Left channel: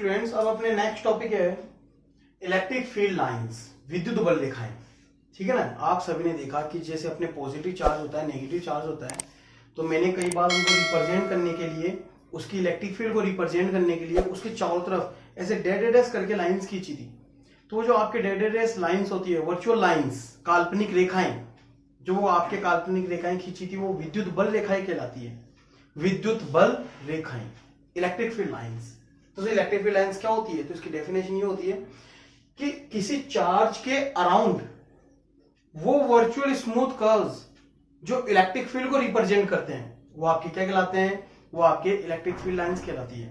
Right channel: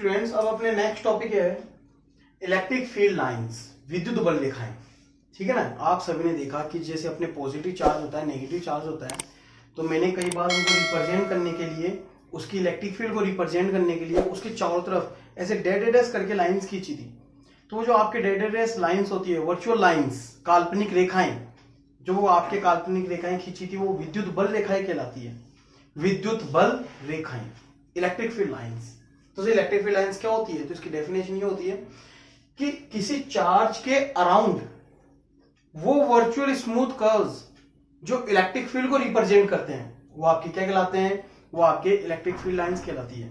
Students, अब अपने next topic है इलेक्ट्रिक फील्ड लाइंस, विद्युत बल रेखाएं। ठीक है ना। आप सभी ने देखा कि जैसे अपने पॉजिटिव चार्ज होता है, नेगेटिव चार्ज होता है, तो मैंने कई बार उनको रिप्रेजेंट करने के लिए, उसकी इलेक्ट्रिक फील्ड को रिप्रेजेंट करने के लिए उसके चारों तरफ ऐसे डेड डैश करके लाइंस खींची थी। तो जो आपके डेड डैश लाइंस होती है, वर्चुअल लाइंस, काल्पनिक रेखाएं, जो वो आपके काल्पनिक रेखाएं खींची थी, वो विद्युत बल रेखाएं कहलाती है। विद्युत बल रेखाएं, इलेक्ट्रिक फील्ड लाइंस। तो इलेक्ट्रिक फील्ड लाइंस क्या होती है? तो इसकी डेफिनेशन ये होती है कि किसी चार्ज के अराउंड वो वर्चुअल स्मूथ कर्व्स जो इलेक्ट्रिक फील्ड को रिप्रेजेंट करते हैं, वो आपके क्या कहलाते हैं? वो आपके इलेक्ट्रिक फील्ड लाइंस कहलाती है।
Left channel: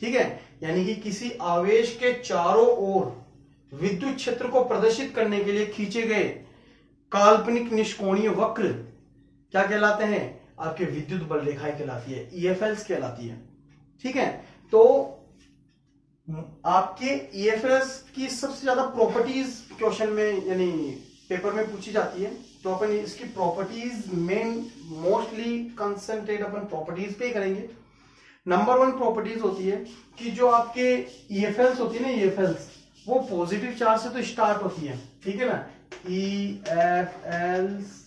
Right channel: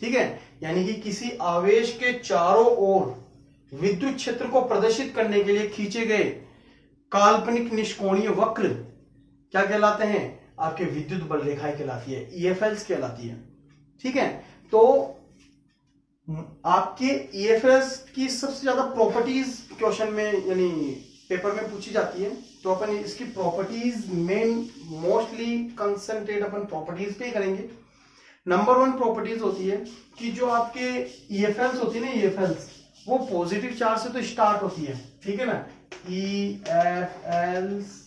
ठीक है। यानी कि किसी आवेश के चारों ओर विद्युत क्षेत्र को प्रदर्शित करने के लिए खींचे गए काल्पनिक निष्कोणीय वक्र क्या कहलाते हैं? आपके विद्युत बल रेखाएं कहलाती है, ईएफएल्स कहलाती है। ठीक है। तो आपके ईएफएल्स की सबसे ज्यादा प्रॉपर्टीज क्वेश्चन में यानी पेपर में पूछी जाती है, तो अपन इसकी प्रॉपर्टीज मेन मोस्टली कंसंट्रेट अपन प्रॉपर्टीज पे ही करेंगे। नंबर 1 प्रॉपर्टीज होती है कि जो आपके ईएफएल्स होती है ना, ईएफएल्स वो पॉजिटिव चार्ज से तो स्टार्ट होती है। ठीक है ना। EFLs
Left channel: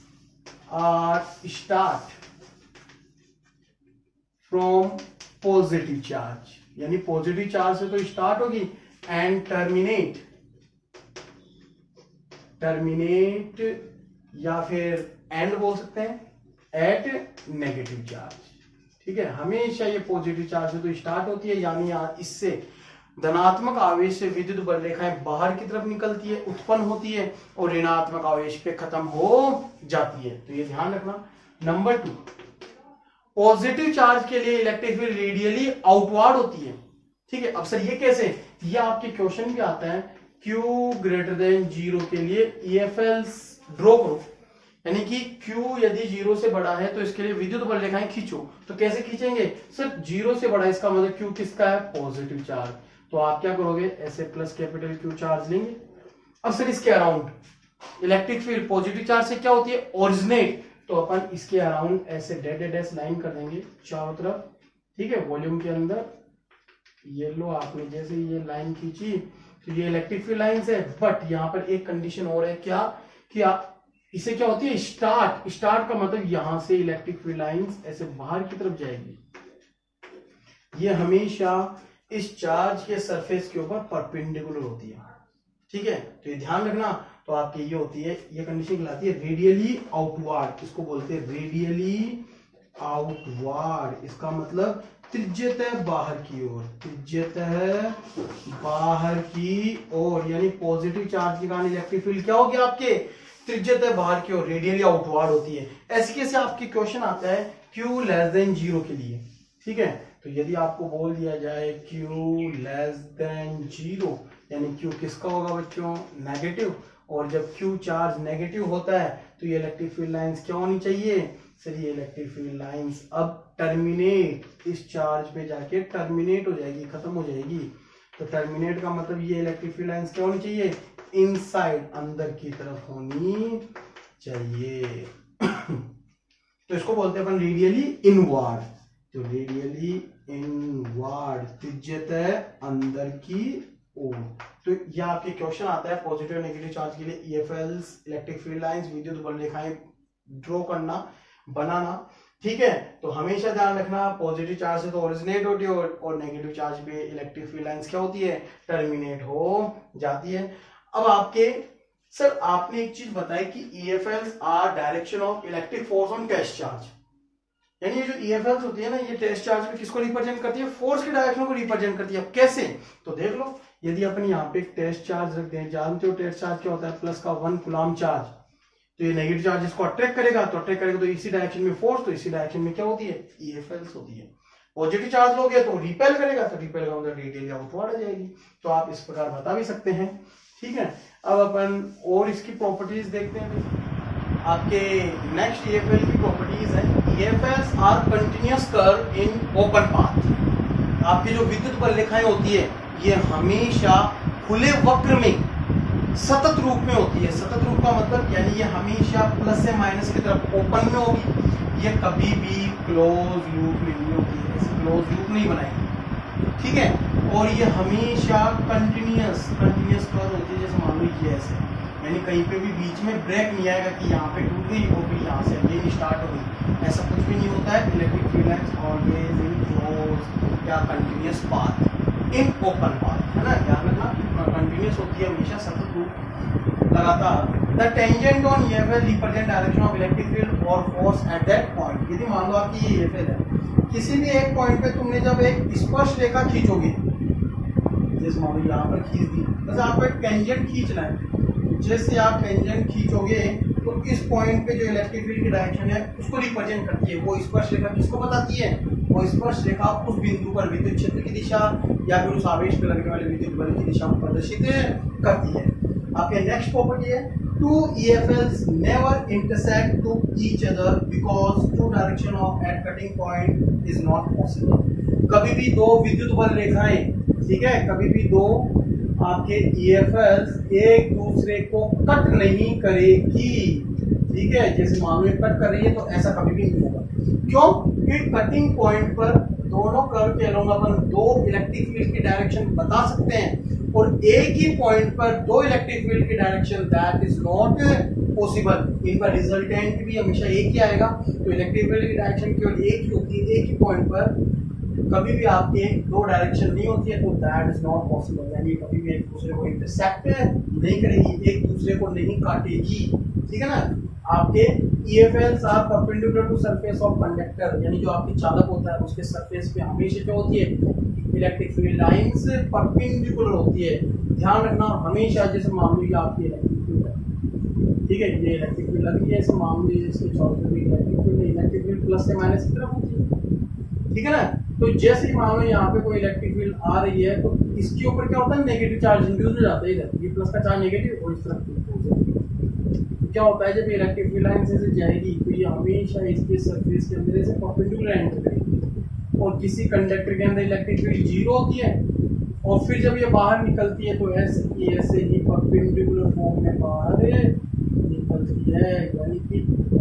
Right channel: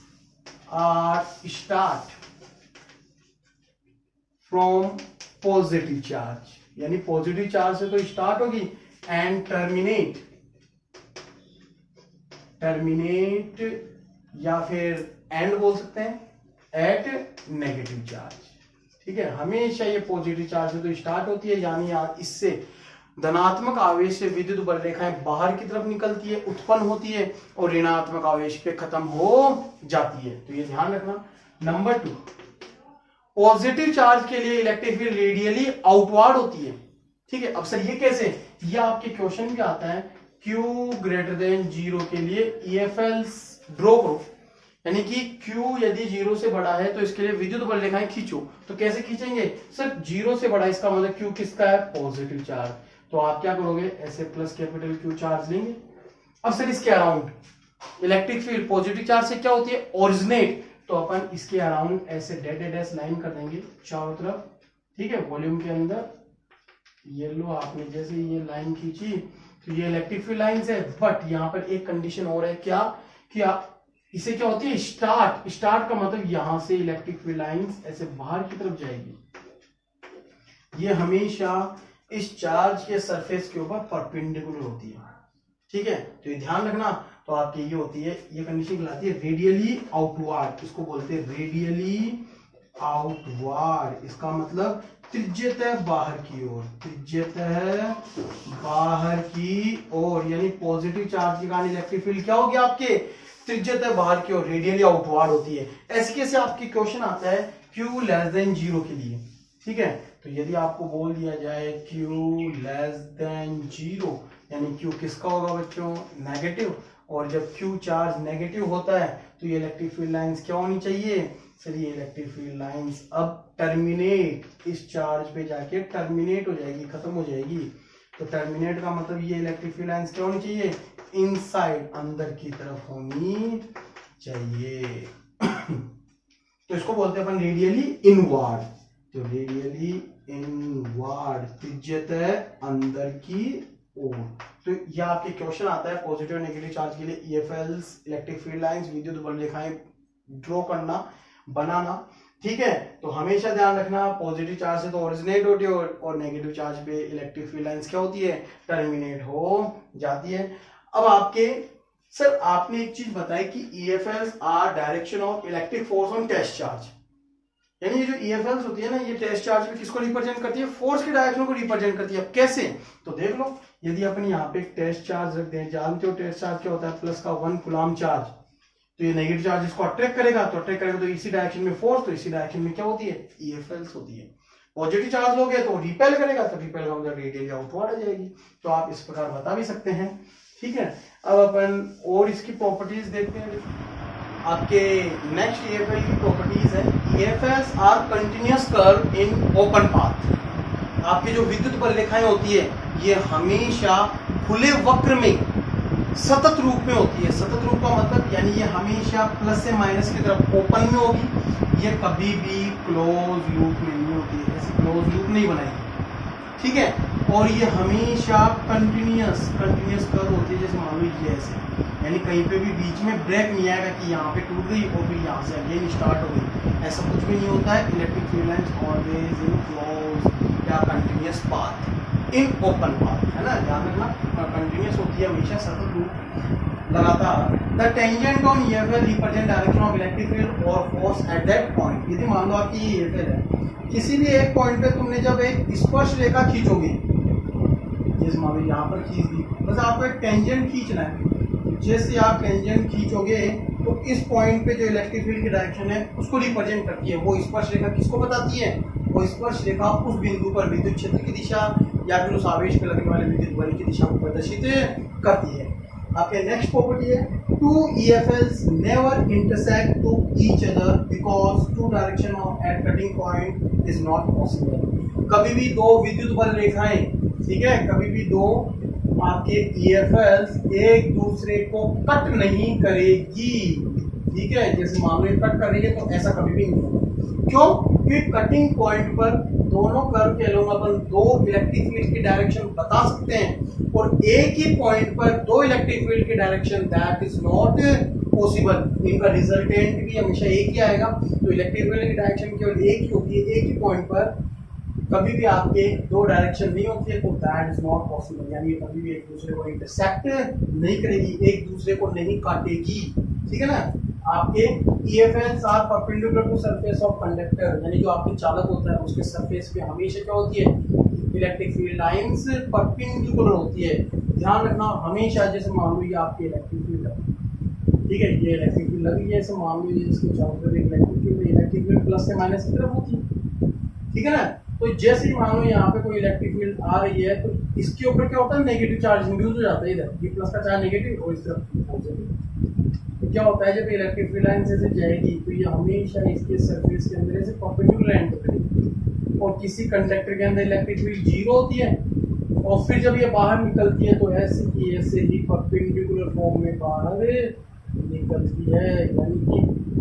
are start from positive charge, यानी पॉजिटिव चार्ज से तो स्टार्ट होगी एंड टर्मिनेट या फिर एंड बोल सकते हैं एट नेगेटिव चार्ज। ठीक है। हमेशा ये पॉजिटिव चार्ज से तो स्टार्ट होती है, यानी इससे धनात्मक आवेश से विद्युत बल रेखाएं बाहर की तरफ निकलती है, उत्पन्न होती है और ऋणात्मक आवेश पे खत्म हो जाती है। तो ये ध्यान रखना। नंबर 2, पॉजिटिव चार्ज के लिए इलेक्ट्रिक फील्ड रेडियली आउटवर्ड होती है। ठीक है। अब सर ये कैसे? ये आपके क्वेश्चन भी आता है, Q ग्रेटर देन 0 के लिए ईएफएल्स ड्रॉ करो, यानी कि Q यदि 0 से बड़ा है तो इसके लिए विद्युत बल रेखाएं खींचो। तो कैसे खींचेंगे? सर 0 से बड़ा, इसका मतलब Q किसका है? Positive charge. तो आप क्या करोगे? ऐसे प्लस कैपिटल Q चार्ज लेंगे। अब सर इसके around electric field positive charge से क्या होती है? ओरिजिनेट। तो अपन इसके अराउंड ऐसे डेड डैश लाइन कर देंगे चारों तरफ। ठीक है। वॉल्यूम के अंदर येलो आपने जैसे ये लाइन खींची तो ये इलेक्ट्रिक फील्ड लाइंस है, बट यहां पर एक कंडीशन और है। क्या? कि इसे क्या होती है? स्टार्ट का मतलब यहां से इलेक्ट्रिक फील्ड लाइंस ऐसे बाहर की तरफ जाएगी। ये हमेशा इस चार्ज के सरफेस के ऊपर परपेंडिकुलर होती है। ठीक है। तो ये ध्यान रखना। तो आपकी ये होती है, ये कंडीशन कहलाती है रेडियली आउटवर्ड। इसको बोलते हैं रेडियली आउटवर्ड। इसका मतलब त्रिज्यतः बाहर की ओर, त्रिज्यतः बाहर की ओर, यानी पॉजिटिव चार्ज के कारण इलेक्ट्रिक फील्ड क्या होगी आपके? त्रिज्यतः बाहर की ओर, रेडियली आउटवर्ड होती है। ऐसे कैसे आपके क्वेश्चन आता है Q लेस देन 0 के लिए। ठीक है। तो यदि आपको बोल दिया जाए Q लेस देन 0, यानी Q किसका होगा बच्चों? नेगेटिव। और जब Q चार्ज नेगेटिव होता है तो ये इलेक्ट्रिक फील्ड लाइंस क्या होनी चाहिए? सर ये इलेक्ट्रिक फील्ड लाइंस अब टर्मिनेट, इस चार्ज पे जाके टर्मिनेट हो जाएगी, खत्म हो जाएगी। तो टर्मिनेट का मतलब ये इलेक्ट्रिक फील्ड लाइंस क्या होनी चाहिए? इनसाइड, अंदर की तरफ होनी चाहिए। तो इसको बोलते हैं अपन रेडियली इनवर्ड। तो रेडियली इनवर्ड, त्रिज्यतः अंदर की ओर। तो ये आपके क्वेश्चन आता है पॉजिटिव नेगेटिव चार्ज के लिए ईएफएल्स, इलेक्ट्रिक फील्ड लाइंस, विद्युत बल रेखाएं ड्रॉ करना, बनाना। ठीक है। तो हमेशा ध्यान रखना, पॉजिटिव चार्ज से तो ओरिजिनेट होती है और नेगेटिव चार्ज पे इलेक्ट्रिक फील्ड लाइंस क्या होती है? टर्मिनेट हो जाती है। अब आपके सर आपने एक चीज बताई कि EFLs are direction of electric force on test charge, यानी ये जो ईएफएल्स होती है ना, ये टेस्ट चार्ज पे किसको रिप्रेजेंट करती है? फोर्स के डायरेक्शन को रिप्रेजेंट करती है। अब कैसे? तो देख लो, यदि अपन यहाँ पे एक टेस्ट चार्ज रख दें, जानते हो टेस्ट चार्ज क्या होता है? प्लस का 1 कूलम्ब चार्ज। तो ये नेगेटिव चार्ज इसको अट्रैक्ट करेगा, तो इसी डायरेक्शन में फोर्स, तो इसी डायरेक्शन में क्या होती है? ईएफएल्स होती है। पॉजिटिव चार्ज लोगे तो रिपेल करेगा, तो रिपेल का मतलब रेडियली आउटवर्ड आ जाएगी। तो आप इस प्रकार बता भी सकते हैं। ठीक है। अब अपन और इसकी प्रॉपर्टीज देखते हैं। आपके नेक्स्ट ईएफएल की प्रॉपर्टीज है, EFLs are continuous curve in open path. आपकी जो विद्युत बल रेखाएं होती है ये हमेशा खुले वक्र में सतत रूप में होती है। सतत रूप का मतलब यानी ये हमेशा प्लस से माइनस की तरफ ओपन में होगी, ये कभी भी क्लोज लूप में नहीं होती है, ऐसे क्लोज लूप नहीं बनाएगी। ठीक है। और ये हमेशा कंटिन्यूस कर्व होती है, जैसे मान लो ये ऐसे, यानी कहीं पे भी बीच में ब्रेक नहीं आएगा कि यहाँ पे टूट गई और फिर यहाँ से अगेन स्टार्ट हो गई, ऐसा कुछ भी नहीं होता है। Electric field lines always in close या continuous path in open path, है ना, ध्यान रखना, कंटिन्यूस होती है हमेशा, सतत रूप लगातार। The tangent on EFL represent direction of electric field और फोर्स एट दैट पॉइंट। यदि मान लो आपकी ये EFL है, किसी भी एक पॉइंट पे तुमने जब एक स्पर्श रेखा खींचोगे, जैसे मान लो यहाँ पर खींच दी, बस आपको एक टेंजेंट खींचना है। जैसे आप टेंजेंट खींचोगे तो इस पॉइंट पे जो इलेक्ट्रिक फील्ड की डायरेक्शन है उसको रिप्रेजेंट करती है। वो स्पर्श रेखा किसको बताती है? वो स्पर्श रेखा उस बिंदु पर विद्युत क्षेत्र की दिशा या फिर उस आवेश पे लगने वाले विद्युत बल की दिशा को प्रदर्शित करती है। आपके नेक्स्ट प्रॉपर्टी है, two EFLs never intersect to each other because two direction of at cutting point is not possible। कभी भी दो विद्युत बल रेखाएं, ठीक है, कभी भी दो आपके EFLs एक दूसरे को कट नहीं करेगी, ठीक है। जैसे मान लो कट कर रही है तो ऐसा कभी भी नहीं होगा। क्यों? क्योंकि कटिंग पॉइंट पर दोनों कर्व के अलोंग अपन दो इलेक्ट्रिक फील्ड की डायरेक्शन बता सकते हैं, और एक ही पॉइंट पर दो इलेक्ट्रिक फील्ड की direction that is not possible. इनका रिजल्टेंट भी हमेशा एक ही आएगा। तो इलेक्ट्रिक फील्ड की डायरेक्शन केवल एक ही होती है, एक ही पॉइंट पर कभी भी आपके दो डायरेक्शन नहीं होती है, तो दैट इज नॉट पॉसिबल, यानी कभी भी एक दूसरे को इंटरसेक्ट नहीं करेगी, एक दूसरे को नहीं काटेगी, ठीक है ना। आपके EFLs are perpendicular to surface of conductor, यानी जो आपके चालक होता है उसके सरफेस पे हमेशा क्या होती है? इलेक्ट्रिक फील्ड लाइंस परपेंडिकुलर होती है। ध्यान रखना हमेशा, जैसे मान लो ये आपकी इलेक्ट्रिक फील्ड है, ठीक है, ये इलेक्ट्रिक फील्ड लगी है, ऐसे मान लो इसके चारों तरफ इलेक्ट्रिक फील्ड प्लस से माइनस की तरफ होती है, ठीक है ना। तो जैसे ही मान लो यहाँ पे कोई इलेक्ट्रिक फील्ड आ रही है तो इसके ऊपर क्या होता है? नेगेटिव चार्ज इंड्यूस हो जाता है, इधर ये प्लस का चार्ज नेगेटिव और इस तरफ पॉजिटिव। तो क्या होता है, जब इलेक्ट्रिक फील्ड लाइन से जाएगी तो ये हमेशा इसके सरफेस के अंदर से परपेंडिकुलर एंटर करेगी, और किसी कंडक्टर के अंदर इलेक्ट्रिक फील्ड 0 होती है, और फिर जब ये बाहर निकलती है तो ऐसे की ऐसे ही परपेंडिकुलर फॉर्म में बाहर निकलती है, यानी कि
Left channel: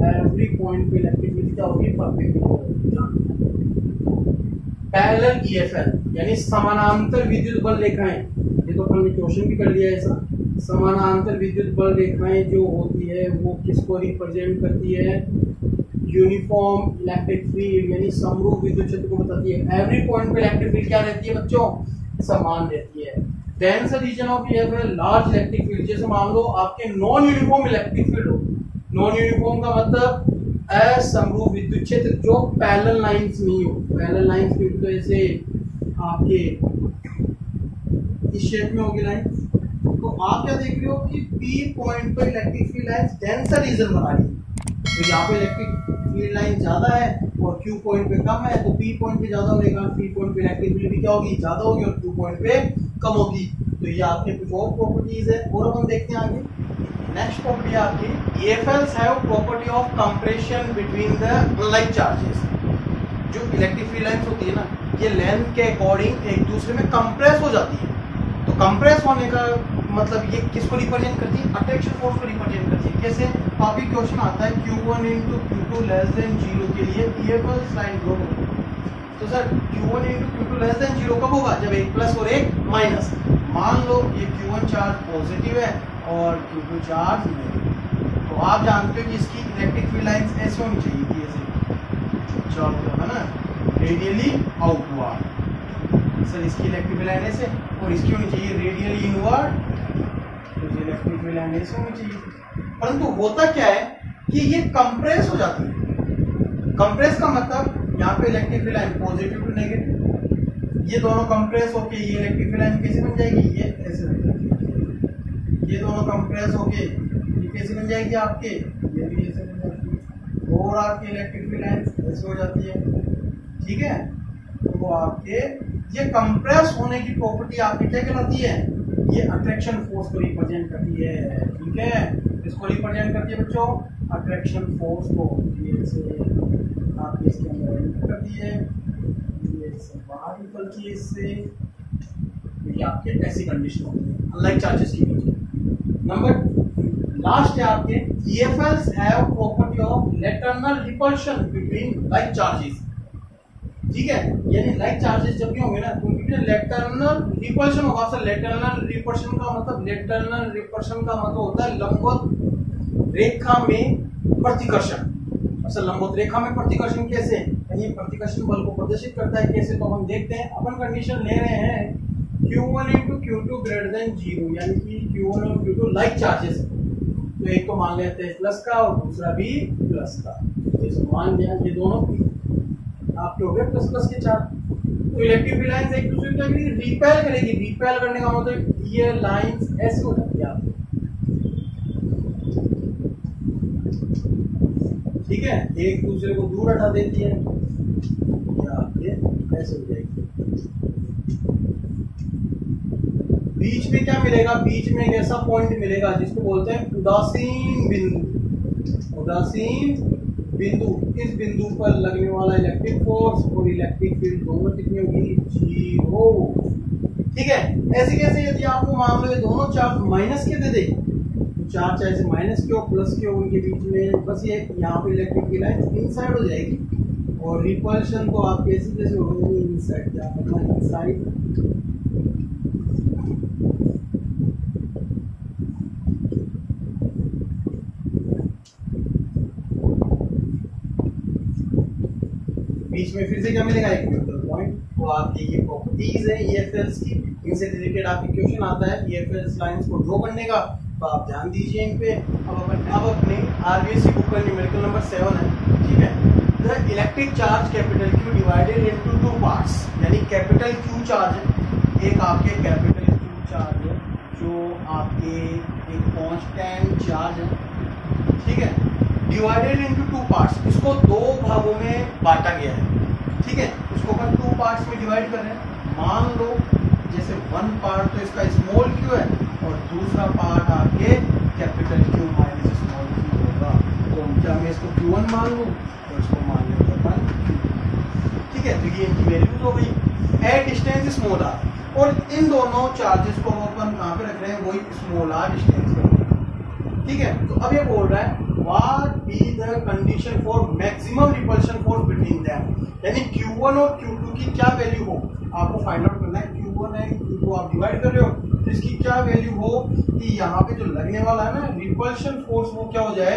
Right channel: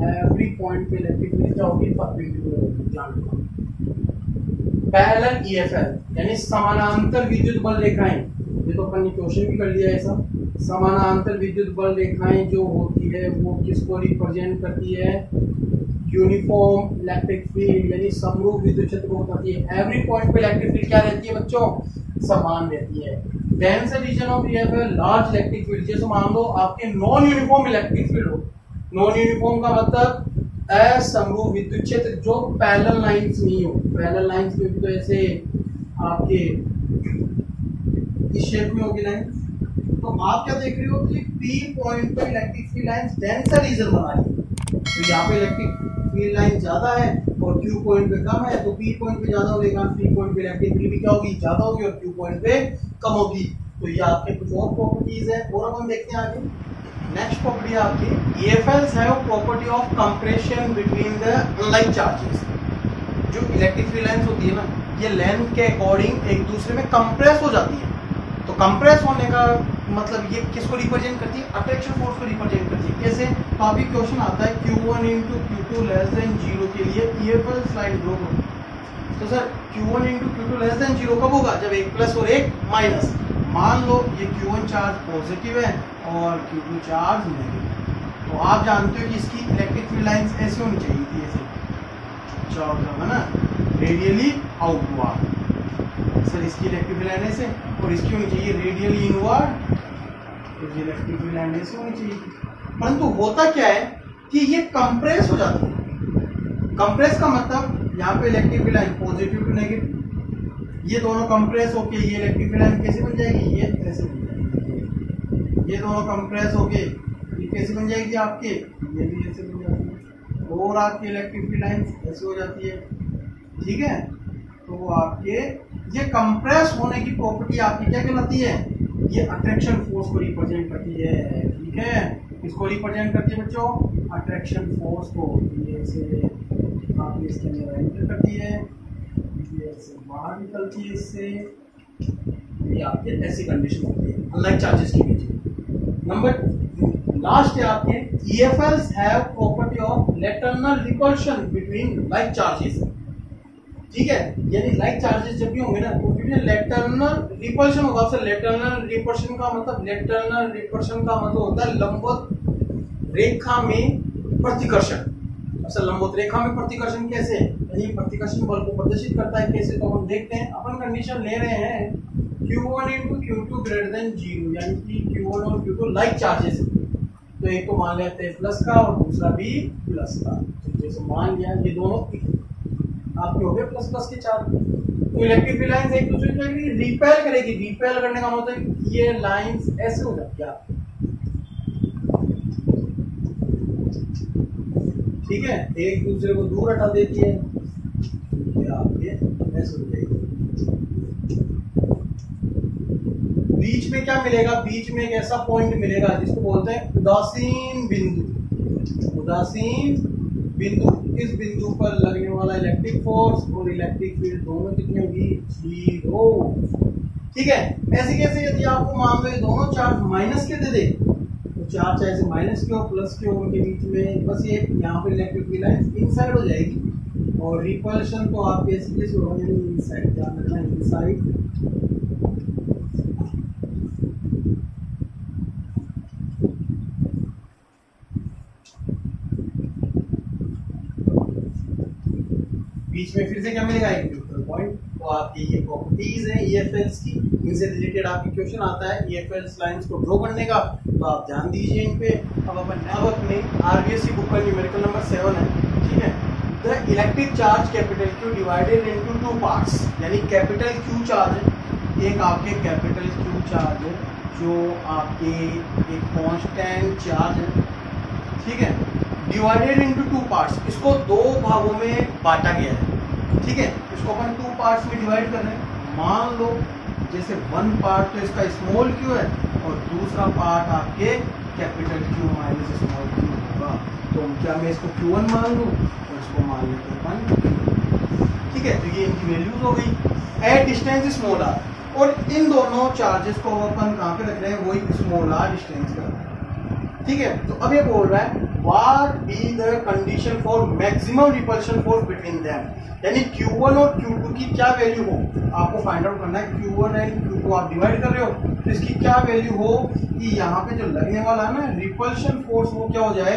एवरी पॉइंट पे इलेक्ट्रिक फील्ड क्या होगी? परपेंडिकुलर। पैरेलल EFL यानी समानांतर विद्युत बल रेखाएं, ये तो अपन ने क्वेश्चन भी कर लिया है ऐसा। समानांतर विद्युत बल रेखाएं जो होती है वो किसको रिप्रेजेंट करती है? यूनिफॉर्म इलेक्ट्रिक फील्ड, यानी समरूप विद्युत क्षेत्र को बताती है। एवरी पॉइंट पे इलेक्ट्रिक फील्ड क्या रहती है बच्चों? समान रहती है। Denser region of EFL large electric field, जैसे मान लो आपके नॉन यूनिफॉर्म इलेक्ट्रिक फील्ड हो। नॉन यूनिफॉर्म का मतलब असमरूप विद्युत क्षेत्र जो पैरेलल लाइंस नहीं हो। पैरेलल लाइंस क्योंकि तो ऐसे आपके इस शेप में होगी लाइन, तो आप क्या देख रहे हो कि P पॉइंट पर electric field lines denser region बना रही है। तो यहाँ पे इलेक्ट्रिक फील्ड लाइन ज्यादा है और Q पॉइंट पे कम है, तो P पॉइंट पे ज्यादा होने के कारण P पॉइंट पे इलेक्ट्रिक फील्ड भी क्या होगी? ज्यादा होगी, और Q पॉइंट पे कम होगी। तो ये आपके कुछ और प्रॉपर्टीज है, और अपन देखते हैं आगे। नेक्स्ट प्रॉपर्टी आपकी EFLs have property of compression between the unlike charges. जो इलेक्ट्रिक फील्ड लाइंस होती है ना, ये लेंथ के अकॉर्डिंग एक दूसरे में कंप्रेस हो जाती है। तो कंप्रेस होने का मतलब ये किसको रिप्रेजेंट करती है? अट्रैक्शन फोर्स को रिप्रेजेंट करती है। कैसे? काफी क्वेश्चन आता है Q1 into Q2 less than 0 के लिए EFLs लाइन ड्रॉ होगी। तो sir Q1 into Q2 less than 0 कब होगा? जब एक प्लस और एक माइनस। मान लो ये Q1 चार्ज पॉजिटिव है और Q2 चार्ज नेगेटिव, तो आप जानते हो कि इसकी इलेक्ट्रिक फील्ड लाइंस ऐसे होनी चाहिए थी, ऐसे चलो है ना, रेडियली आउटवर्ड। सर इसकी इलेक्ट्रिक फील्ड लाइन ऐसे, और इसकी होनी चाहिए रेडियली इनवर्ड, तो ये इलेक्ट्रिक फील्ड लाइन ऐसे होनी चाहिए। परंतु होता क्या है कि ये कंप्रेस हो जाती है। कंप्रेस का मतलब यहाँ पे electric field line positive to negative, ये दोनों कंप्रेस होके ये इलेक्ट्रिक फील्ड लाइन कैसे बन जाएगी? ये ऐसे बन जाएगी। ये दोनों कंप्रेस होके ये कैसे बन जाएगी आपके? ये भी ऐसे बन जाती है, और आपकी इलेक्ट्रिक फील्ड लाइन ऐसे हो जाती है, ठीक है। तो वो आपके ये कंप्रेस होने की प्रॉपर्टी आपकी क्या कहलाती है? ये अट्रैक्शन फोर्स को रिप्रेजेंट करती है, ठीक है। किसको रिप्रेजेंट करती है बच्चों? अट्रैक्शन फोर्स को। ये से आपके इसके अंदर एंटर करती है, ये से बाहर निकलती है, इससे ये आपके ऐसी कंडीशन होती है अनलाइक चार्जेस के बीच। नंबर लास्ट है आपके EFLs have property of lateral repulsion between like charges. ठीक है, यानी लाइक चार्जेस जब भी होंगे ना उनके बीच लेटरनल रिपल्शन होगा। सर लेटरनल रिपल्शन का मतलब होता है लंबवत रेखा में प्रतिकर्षण। अच्छा, लंबवत रेखा में प्रतिकर्षण कैसे, यानी प्रतिकर्षण बल को प्रदर्शित करता है कैसे, तो हम देखते हैं। अपन कंडीशन ले रहे हैं Q1 × Q2 ग्रेटर देन 0, यानी कि Q1 और Q2 लाइक चार्जेस है। तो एक तो मान लेते हैं प्लस का और दूसरा भी प्लस का। जैसे मान लिया ये दोनों आपके हो गए प्लस प्लस के चार्ज, तो इलेक्ट्रिक फील्ड लाइंस एक दूसरे को रिपेल करेगी। रिपेल करने का मतलब ये लाइंस ऐसे हो जाती है आपकी, ठीक है, एक दूसरे को दूर हटा देती है, आपके ऐसे हो जाएगी। बीच में क्या मिलेगा, बीच में एक ऐसा पॉइंट मिलेगा जिसको बोलते हैं उदासीन बिंदु। उदासीन बिंदु, इस बिंदु पर लगने वाला इलेक्ट्रिक फोर्स और इलेक्ट्रिक फील्ड दोनों कितनी होगी, 0। ठीक है, ऐसे कैसे, यदि आपको मान लो ये दोनों चार्ज माइनस के दे दे, तो चार्ज चाहे से माइनस के हो प्लस के हो, उनके बीच में बस ये यहाँ पे इलेक्ट्रिक फील्ड लाइन इनसाइड हो जाएगी, और रिपल्शन तो आप कैसे कैसे होगा, यानी इनसाइड, ध्यान रखना इनसाइड। बीच में फिर से क्या मिलेगा, एक न्यूट्रल पॉइंट। तो आपकी ये प्रॉपर्टीज है EFLs की, इनसे रिलेटेड आपकी क्वेश्चन आता है EFLs लाइंस को ड्रॉ करने का, तो आप ध्यान दीजिए इन पे। अब अपने RBSc बुक का न्यूमेरिकल नंबर 7 है, ठीक है। The electric charge capital Q divided into 2 parts, यानी कैपिटल Q चार्ज, एक आपके कैपिटल Q चार्ज जो आपके एक कांस्टेंट चार्ज है, ठीक है, डिवाइडेड इनटू 2 पार्ट्स, इसको 2 भागों में बांटा गया है, ठीक है। इसको अपन 2 पार्ट्स में डिवाइड कर रहे हैं। मान लो जैसे 1 पार्ट तो इसका स्मॉल q है और दूसरा पार्ट आपके capital Q minus small q होगा। तो क्या मैं इसको Q1 मान लूं तो इसको मान लेते हैं, ठीक है। तो ये इनकी वैल्यूज हो गई एट डिस्टेंस स्मॉल r, और इन दोनों चार्जेस को अपन कहाँ पे रख रहे हैं, वही स्मॉल r डिस्टेंस पे, ठीक है। तो अब ये बोल रहा है what be the condition for maximum repulsion force between them, यानी Q1 और Q2 की क्या वैल्यू हो, आपको फाइंड आउट करना है। Q1 एंड Q2 आप डिवाइड कर रहे हो, तो इसकी क्या वैल्यू हो कि यहाँ पे जो लगने वाला है ना रिपल्शन फोर्स, वो क्या हो जाए,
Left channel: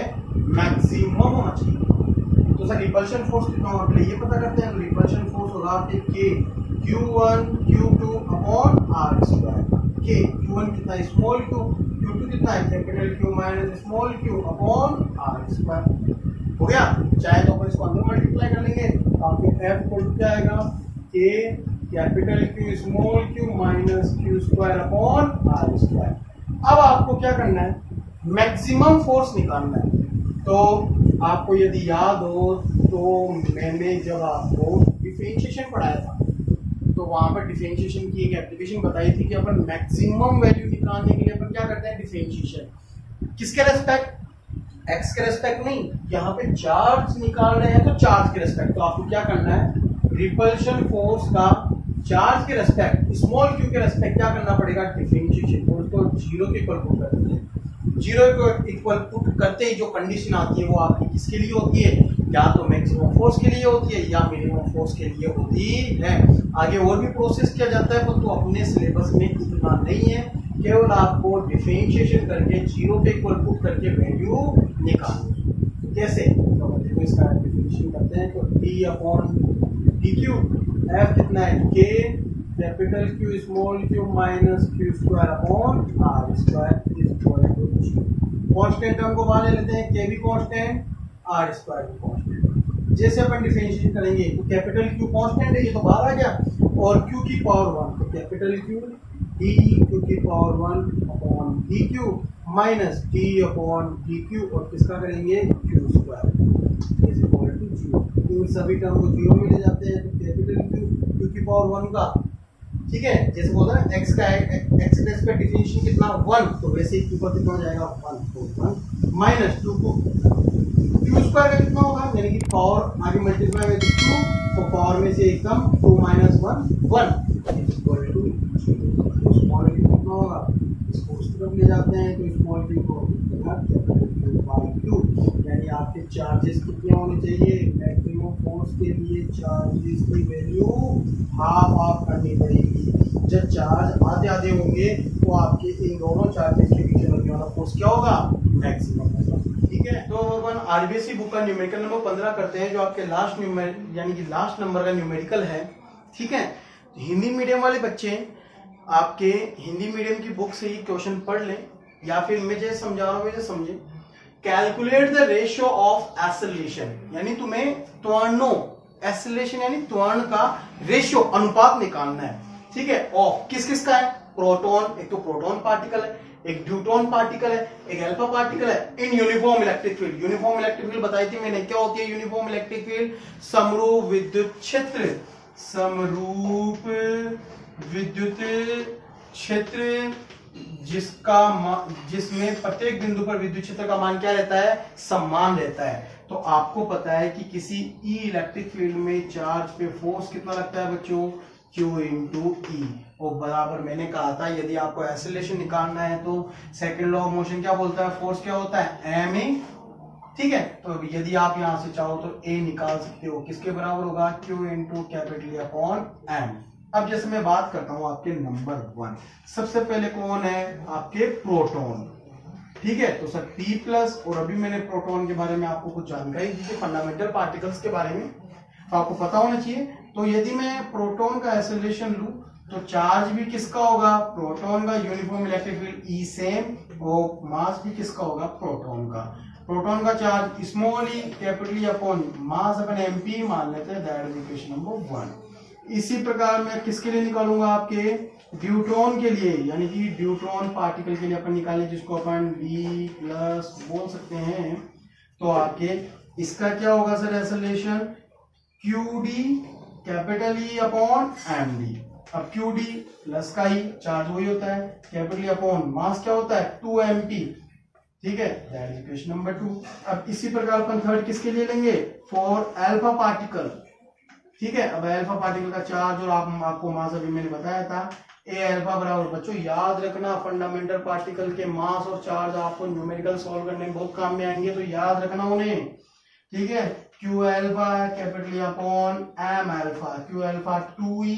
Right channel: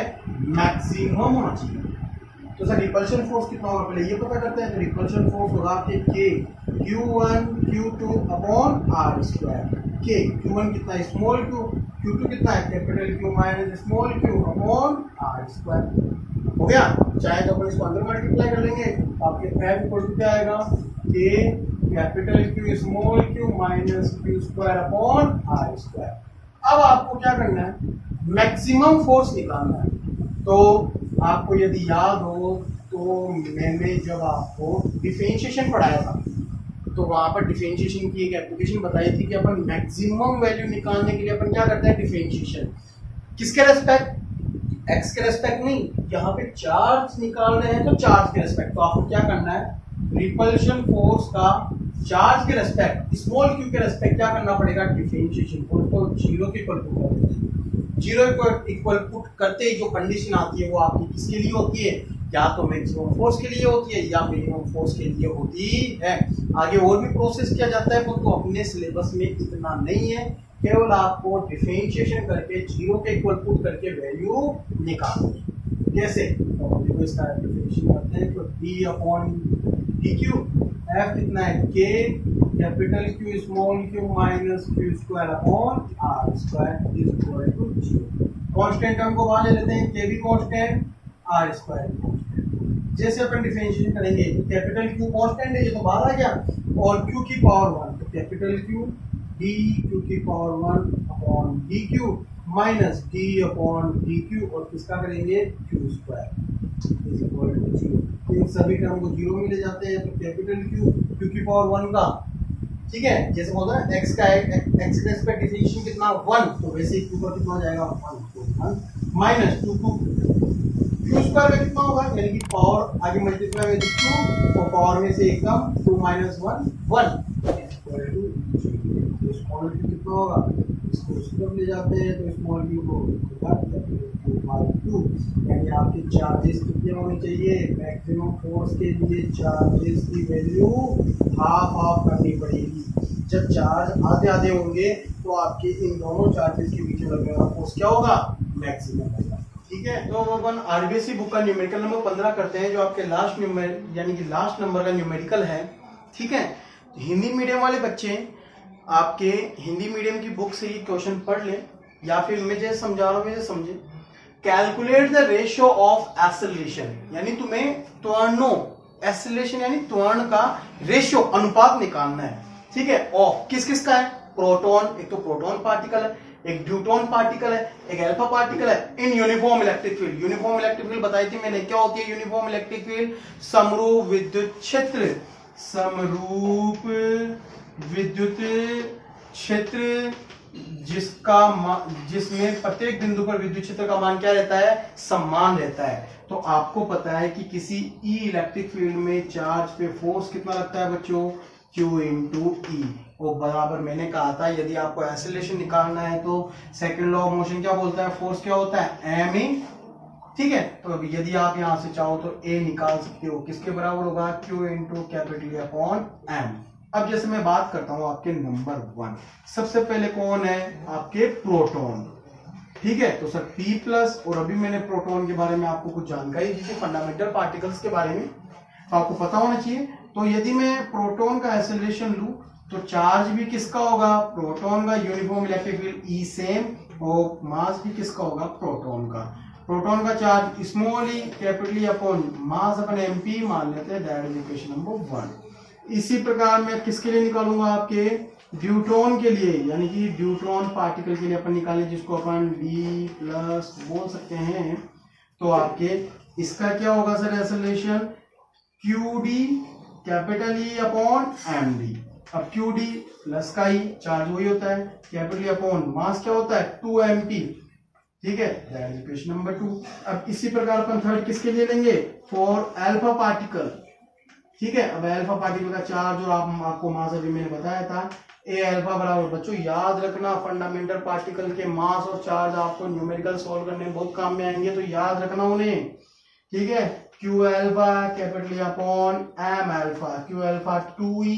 मैक्सिमम होना चाहिए। तो सर रिपल्शन फोर्स कितना होगा, पहले ये पता करते हैं। तो रिपल्शन फोर्स होगा आपके K Q1 Q2 upon r²। K Q1 कितना है, स्मॉल q, Q2 कितना है, capital Q minus small q upon r²। हो गया, चाहे तो अपन इसको अंदर मल्टीप्लाई कर लेंगे, आपके F इक्वल टू क्या आएगा, K capital Q small q minus q² upon r²। अब आपको क्या करना है, मैक्सिमम फोर्स निकालना है। तो आपको यदि याद हो तो मैंने जब आपको डिफरेंशिएशन पढ़ाया था, तो वहां पर डिफरेंशिएशन की एक एप्लीकेशन बताई थी कि अपन मैक्सिमम वैल्यू निकालने के लिए अपन क्या करते हैं, डिफरेंशिएशन किसके रेस्पेक्ट, एक्स के रेस्पेक्ट नहीं, यहाँ पे चार्ज निकाल रहे हैं तो चार्ज के रेस्पेक्ट। तो आपको क्या करना है, रिपल्शन फोर्स का चार्ज के रेस्पेक्ट स्मॉल q के रेस्पेक्ट क्या करना पड़ेगा, डिफरेंशिएशन। उसको 0 के इक्वल पुट करते हैं। 0 को इक्वल पुट करते ही जो कंडीशन आती है वो आपकी किसके लिए होती है, या तो मैक्सिमम फोर्स के लिए होती है या मिनिमम फोर्स के लिए होती है। आगे और भी प्रोसेस किया जाता है, तो अपने सिलेबस में इतना नहीं है, केवल आपको डिफरेंशिएशन करके 0 के इक्वल पुट करके वैल्यू निकालो। कैसे, तो देखो इसका डिफरेंशिएशन करते हैं। तो d अपॉन dq, f कितना है, k capital Q small q minus q² upon r² is equal to 0। Constant term को बाहर ले लेते हैं, k भी कांस्टेंट, r² भी कांस्टेंट। जैसे अपन डिफरेंशिएशन करेंगे तो कैपिटल Q कांस्टेंट है, ये तो बाहर आ गया, और Q की पावर 1, तो कैपिटल Q dq की power 1 upon dq minus d upon dq, और किसका करेंगे, q² इज इक्वल टू 0। इन सभी टर्म को 0 में ले जाते हैं, तो कैपिटल Q की पावर 1 का, ठीक है, जैसे बोलते हैं ना x का x के रेस्पेक्ट डिफरेंशिएशन कितना 1, तो वैसे ही q का कितना हो जाएगा 1, तो 1 माइनस 2 q² का कितना होगा, यानी कि पावर आगे मल्टीप्लाई विद 2, तो पावर में से एकदम 2 माइनस 1 1 इक्वल टू 0। तो स्मॉल q कितना होगा, इसको उस तरफ ले जाते हैं, तो स्मॉल q को Q/2, यानी आपके चार्जेस कितने होने चाहिए, मैक्सिमम फोर्स के लिए चार्जेस की वैल्यू हाफ करनी पड़ेगी। जब चार्ज आधे आधे होंगे तो आपके इन दोनों चार्जेस के बीच लगने वाला फोर्स क्या होगा, मैक्सिमम होगा। ठीक है, तो अपन आरबीएससी बुक का न्यूमेरिकल नंबर 15 करते हैं, जो आपके लास्ट यानी कि लास्ट नंबर का न्यूमेरिकल है। ठीक है, तो हिंदी मीडियम वाले बच्चे आपके हिंदी मीडियम की बुक से ये क्वेश्चन पढ़ लें, या फिर मैं जैसे समझा रहा हूँ वैसे समझे। Calculate the ratio of acceleration, यानी तुम्हें त्वरणों, एक्सेलरेशन यानी त्वरण का रेशियो, अनुपात निकालना है। ठीक है, ऑफ किस किस का है, प्रोटॉन, एक तो प्रोटॉन पार्टिकल है, एक ड्यूटॉन पार्टिकल है, एक अल्फा पार्टिकल है, in uniform electric field. Uniform electric field बताई थी मैंने, क्या होती है यूनिफॉर्म इलेक्ट्रिक फील्ड, समरूप विद्युत क्षेत्र, समरूप विद्युत क्षेत्र जिसमें प्रत्येक बिंदु पर विद्युत क्षेत्र का मान क्या रहता है, समान रहता है। तो आपको पता है कि किसी ई इलेक्ट्रिक फील्ड में चार्ज पे फोर्स कितना लगता है बच्चों, Q इंटू ई। और बराबर मैंने कहा था यदि आपको एक्सेलरेशन निकालना है तो सेकंड लॉ ऑफ मोशन क्या बोलता है, फोर्स क्या होता है, m ई। ठीक है, तो यदि आप यहां से चाहो तो a निकाल सकते हो, किसके बराबर होगा, Q into capital upon m। अब जैसे मैं बात करता हूं आपके नंबर 1, सबसे पहले कौन है, आपके प्रोटॉन। ठीक है, तो सर P प्लस, और अभी मैंने प्रोटॉन के बारे में आपको कुछ जानकारी दी थी, फंडामेंटल पार्टिकल्स के बारे में, तो आपको पता होना चाहिए। तो यदि मैं प्रोटॉन का एक्सेलरेशन लूं तो चार्ज भी किसका होगा, प्रोटॉन का, uniform electric field E same, और मास भी किसका होगा, प्रोटॉन का। प्रोटॉन का charge small E capital upon mass upon MP मान लेते हैं, दैट इज इक्वेशन नंबर 1। इसी प्रकार मैं किसके लिए निकालूंगा, आपके ड्यूट्रॉन के लिए, यानी कि ड्यूट्रॉन पार्टिकल के लिए अपन निकालें, जिसको अपन डी प्लस बोल सकते हैं। तो आपके इसका क्या होगा sir, acceleration q d capital E upon m d. अब क्यू डी प्लस का ही चार्ज वही होता है, कैपिटल अपॉन मास क्या होता है, 2 mp। ठीक है, दैट इज इक्वेशन नंबर 2। अब इसी प्रकार अपन थर्ड किसके लिए लेंगे, फॉर अल्फा पार्टिकल। ठीक है, अब अल्फा पार्टिकल का चार्ज और आपको मास अभी मैंने बताया था, ए अल्फा बराबर, बच्चों याद रखना फंडामेंटल पार्टिकल के मास और चार्ज आपको न्यूमेरिकल सॉल्व करने में बहुत काम में आएंगे, तो याद रखना उन्हें। ठीक है, q alpha capital upon m alpha, q alpha 2e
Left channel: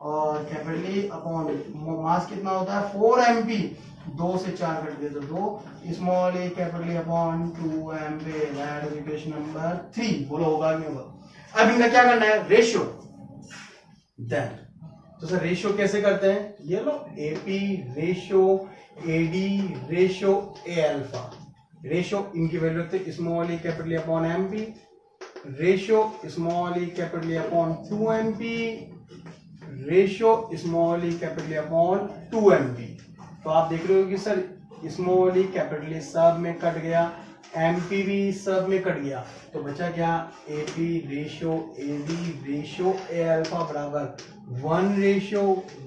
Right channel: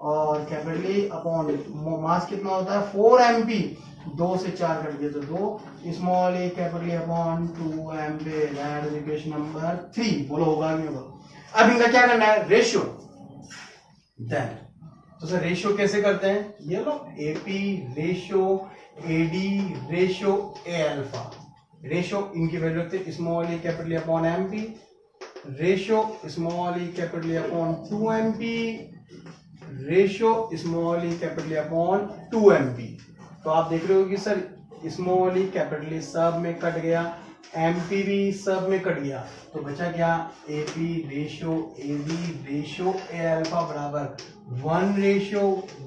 और कैपिटल अपॉन मास कितना होता है 4 mp, 2 से 4 कट गए तो 2, small A capital upon 2 mp, that is equation number 3। बोलो होगा नहीं होगा। अब इनका क्या करना है, रेशियो। देन तो सर रेशियो कैसे करते हैं, ये लो AP ratio, AD ratio, A alpha ratio, इनकी वैल्यू रखते हैं small A capital upon MP, ratio small E capital upon 2 mp, ratio small E capital upon 2 mp। तो आप देख रहे हो कि सर स्मॉल ई कैपिटल सब में कट गया, एमपी भी सब में कट गया, तो बचा क्या, AP ratio AB ratio A alpha बराबर 1 रेशियो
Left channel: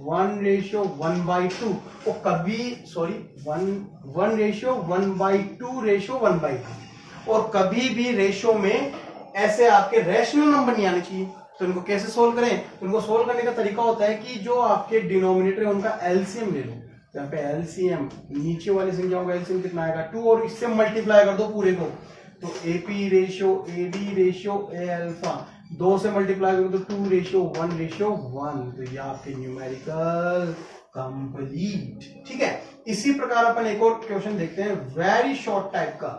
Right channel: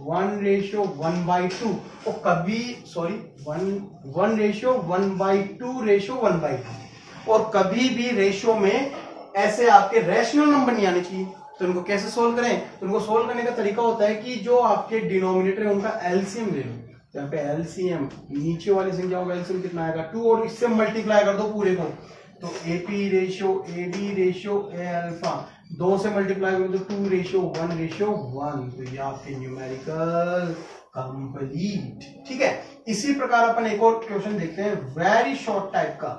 1/2, और कभी सॉरी 1 रेशियो 1/2 रेशियो 1/2। और कभी भी रेशियो में ऐसे आपके रैशनल नंबर नहीं आने चाहिए। तो इनको कैसे सोल्व करें, तो इनको सोल्व करने का तरीका होता है कि जो आपके डिनोमिनेटर है उनका एलसीएम ले लो। तो यहाँ पे एलसीएम, नीचे वाली संख्या होगा एलसीएम कितना आएगा 2, और इससे मल्टीप्लाई कर दो पूरे को, तो AP ratio AB ratio A alpha 2 से मल्टीप्लाई करो तो 2 रेशियो 1/1। तो ये आपके न्यूमेरिकल कंप्लीट। ठीक है, इसी प्रकार अपन एक और क्वेश्चन देखते हैं, वेरी शॉर्ट टाइप का,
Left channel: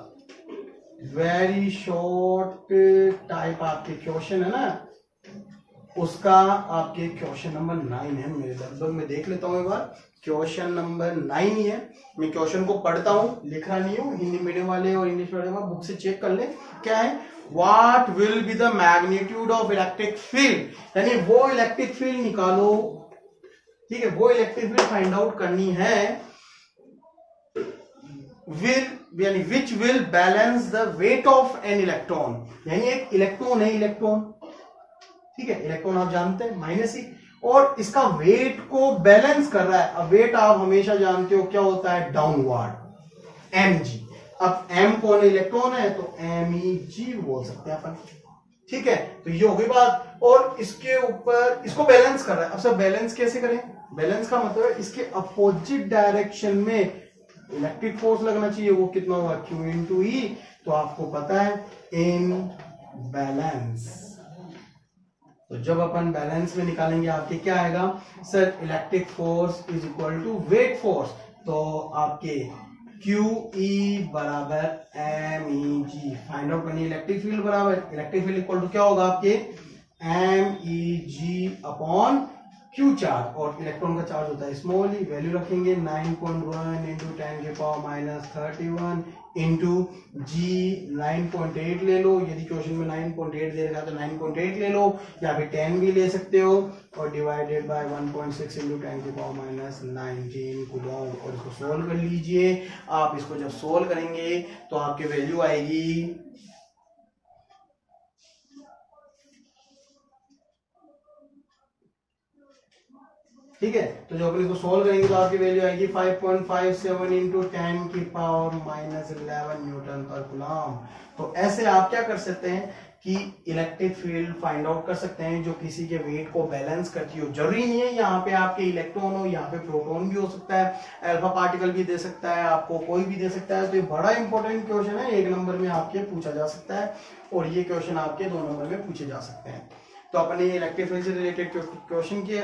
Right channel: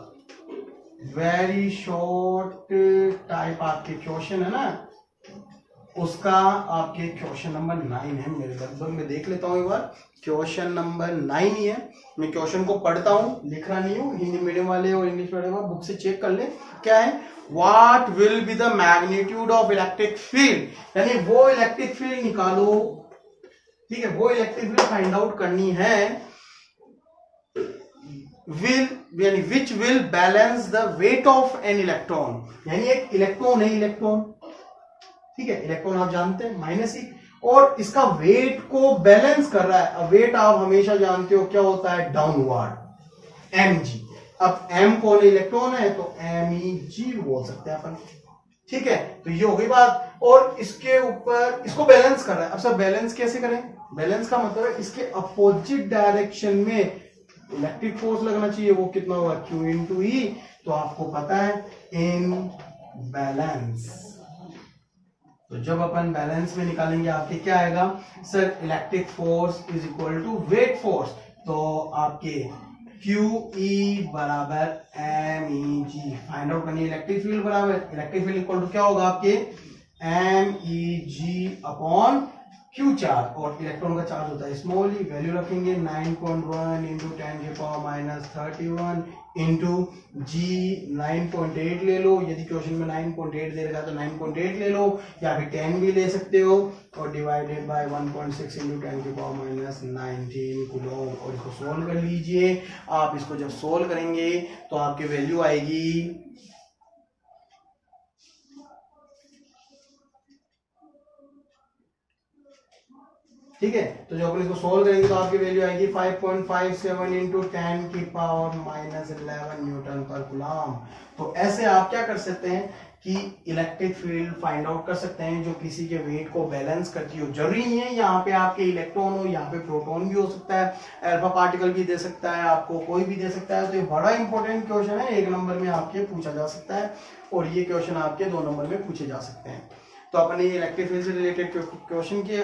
वेरी शॉर्ट टाइप आपके क्वेश्चन है ना, उसका आपके क्वेश्चन नंबर 9 है मेरे लगभग, मैं देख लेता हूं एक बार, क्वेश्चन नंबर 9 ही है। मैं क्वेश्चन को पढ़ता हूं, लिख रहा नहीं हूं, हिंदी मीडियम वाले और इंग्लिश मीडियम वाले बुक से चेक कर ले। क्या है, what will be the magnitude of electric field, यानी वो इलेक्ट्रिक फील्ड निकालो। ठीक है, वो इलेक्ट्रिक फील्ड फाइंड आउट करनी है, यानी which will balance the weight of an electron, यानी एक इलेक्ट्रॉन है, इलेक्ट्रॉन। ठीक है, इलेक्ट्रॉन आप जानते हैं -e, और इसका वेट को बैलेंस कर रहा है। अब वेट आप हमेशा जानते हो क्या होता है, डाउनवर्ड, mg। अब m कौन है, इलेक्ट्रॉन है, तो meg बोल सकते हैं अपन। ठीक है, तो ये हो गई बात, और इसके ऊपर इसको बैलेंस कर रहा है। अब सर बैलेंस कैसे करें, बैलेंस का मतलब है इसके अपोजिट डायरेक्शन में इलेक्ट्रिक फोर्स लगना चाहिए, वो कितना हुआ Q इंटू ई, तो आपको पता है इन बैलेंस। तो जब अपन बैलेंस में निकालेंगे आपके क्या आएगा sir, electric force is equal to weight force, तो आपके QE बराबर MEG फाइंड आउट करनी, इलेक्ट्रिक फील्ड बराबर इलेक्ट्रिक फील्ड इक्वल टू क्या होगा आपके MEG अपॉन Q चार्ज, और इलेक्ट्रॉन का चार्ज होता है स्मॉल ई, वैल्यू रखेंगे 9.1 इंटू 10⁻³ इंटू जी 9.8 ले लो, यदि क्वेश्चन में 9.8 दे रखा है तो 9.8 ले लो, या फिर 10 भी ले सकते हो, और डिवाइडेड बाय 1.6 इंटू 10⁻19 कूलम, और इसको सोल्व कर लीजिए। आप इसको जब सोल्व करेंगे तो आपकी वैल्यू आएगी ठीक है। तो जो अपन इसको सोल्व करेंगे तो आपकी वैल्यू आएगी 5.57 इंटू 10⁻11 न्यूटन पर कूलम। तो ऐसे आप क्या कर सकते हैं कि इलेक्ट्रिक फील्ड फाइंड आउट कर सकते हैं जो किसी के वेट को बैलेंस करती हो। जरूरी नहीं है यहाँ पे आपके इलेक्ट्रॉन हो, यहाँ पे प्रोटॉन भी हो सकता है, अल्फा पार्टिकल भी दे सकता है, आपको कोई भी दे सकता है। तो ये बड़ा इंपॉर्टेंट क्वेश्चन है, 1 नंबर में आपके पूछा जा सकता है, और ये क्वेश्चन आपके 2 नंबर में पूछे जा सकते हैं। तो अपने इलेक्ट्रिक फील्ड से रिलेटेड क्वेश्चन के